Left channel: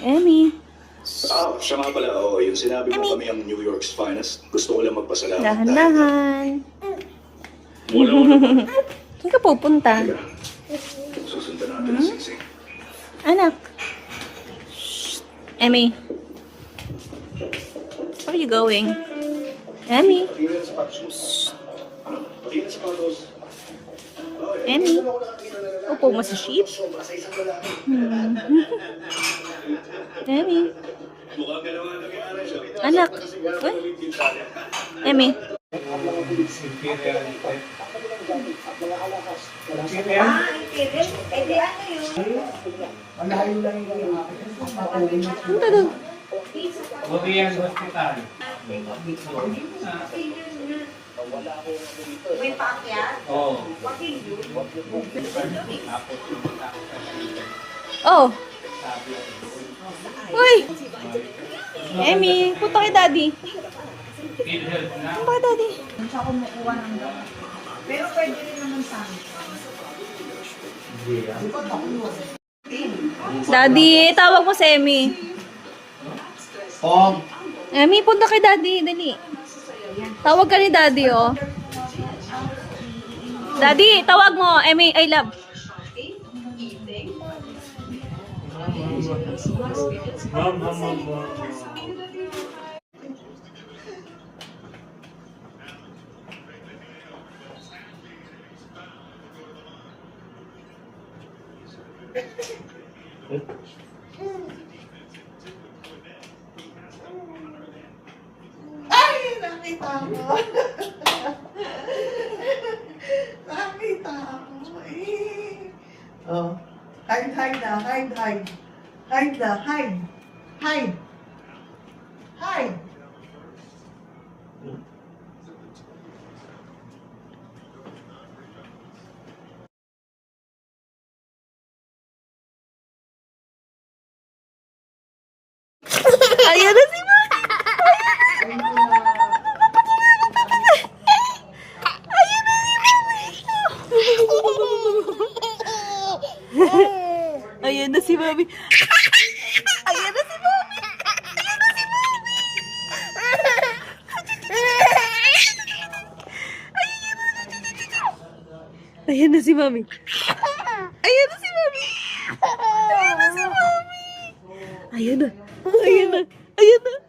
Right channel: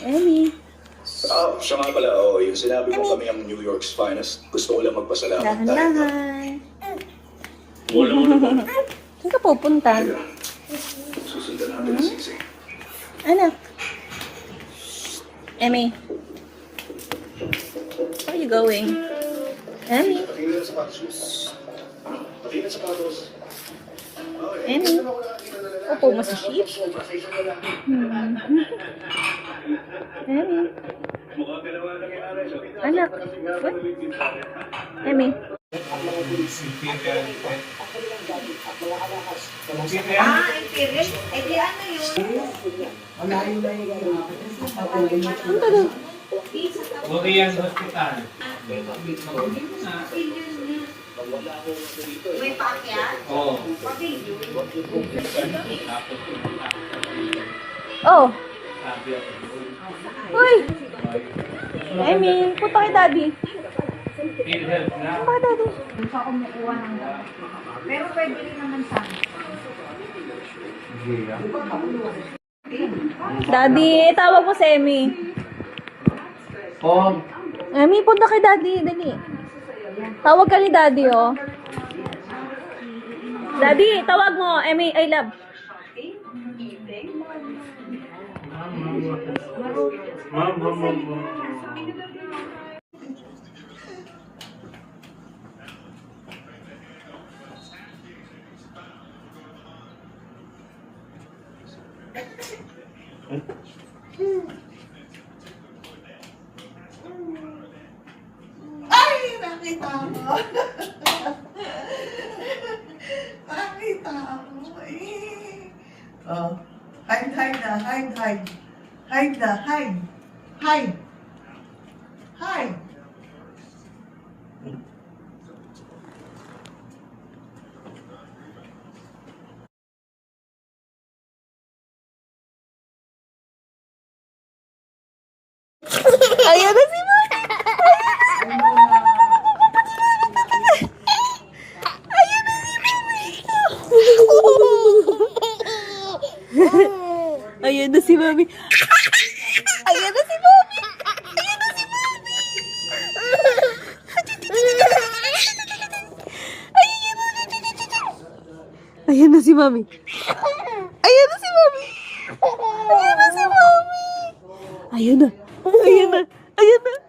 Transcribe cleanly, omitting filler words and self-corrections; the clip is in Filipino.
Emmy. Siya nga pala, yung sinabi mo kami ang New York's finest. Gusto ko lang magpasalamat. Dahan-dahan. Wala mo naman. Saan ka pupunta? Susundan natin ang singsing. Anak. Emmy. Where are you going? Emmy. Patingin sa sapatos mo. Patingin sa sapatos. Emmy. Upo mo sa sheet. Emmy. Mukhang galawa na nangyari siya. Anak. Emmy. Imperial. Imperial? Eh di ano yun? Punta daw. Korean Hospital. May paakyat? Oo. Bakit yun? Oh. Sabi ako. Uy. Emmy. Punta kay daddy. PhilHealth na. Punta kay daddy. Siya kumukuha ng gamot. Pero pwede rin naman sa akin. Daddy, tawag mo si Emmy. Oh, Emmy, punta kay daddy. Dali. Tawag ka ni daddy, oh. Daddy, tawag mo. Emmy, I love. Mama. Ay, nakita mo. Nakita mo. Oh. Hide na. Hide na. Hide. Ayan na si Mami. Ayan na si Mami. Ayan na si Mami. Ayan na si Mami. Ayan na si Mami. Ayan na si Mami. Ayan na si Mami. Ayan na si Mami. Ayan na. Ayan na. Ayan na.